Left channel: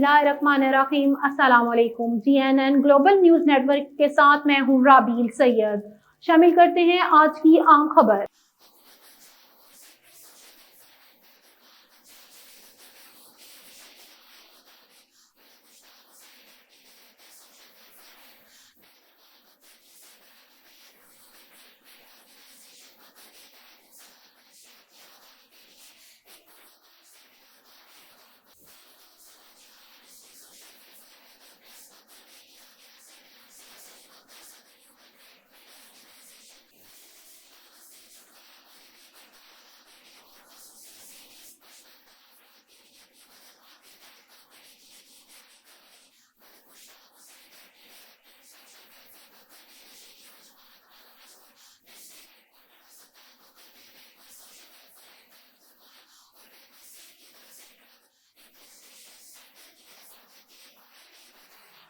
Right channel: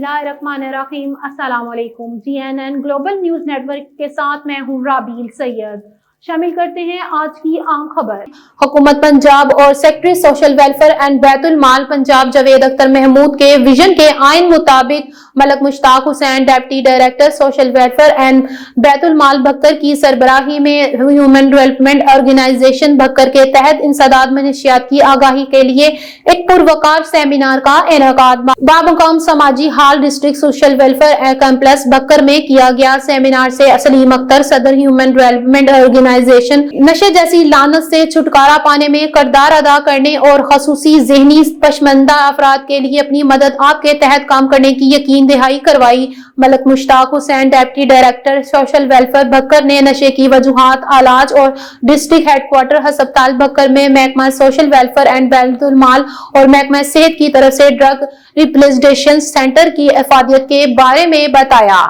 बिस्मिल्लाहिर्रहमानिर्रहीम। अस्सलाम वालेकुम। GNN ग्लोबल न्यूज नेटवर्क के साथ मैं हूँ राबील सैयद। शामिल करते हैं आज की आम खबर। हुकूमत पंजाब और सेक्रेटरी सोशल वेलफेयर एंड बैतुल माल पंजाब जावेद अख्तर महमूद के विजन के आइन मुताबिक Malik Mushtaq Hussain deputy director social welfare and बैतुल माल भक्कर की सरबराही में ह्यूमन डेवलपमेंट ऑर्गेनाइजेशन भक्कर के तहत इंसदाद मनशियात की आगाही के लिए एक पुरवकार सेमिनार का इनेकाद बामुकाम समाजी हाल district social welfare complex Bhakkar में किया गया। सेमिनार से सलीम अख्तर सदर ह्यूमन डेवलपमेंट ऑर्गेनाइजेशन नशे जैसी लानत से छुटकारा पाने में किरदार अदा करने और खसूसी ज़हनी पशमंदा अफराद के लिए अपनी मदद आपके तहत काम करने की यकीन दहाई करवाई। Malik Mushtaq Hussain deputy director social welfare Bhakkar ने नशे की वजूहात इलाज और डिस्ट्रिक्ट हेडक्वार्टर अस्पताल भक्कर में महकमा सोशल वेलफेयर एंड बैतुल माल और महकमा सेहत की तरफ से ड्रग रिप्लेसेशन सेंटर की इफादियत के बारे में बताया।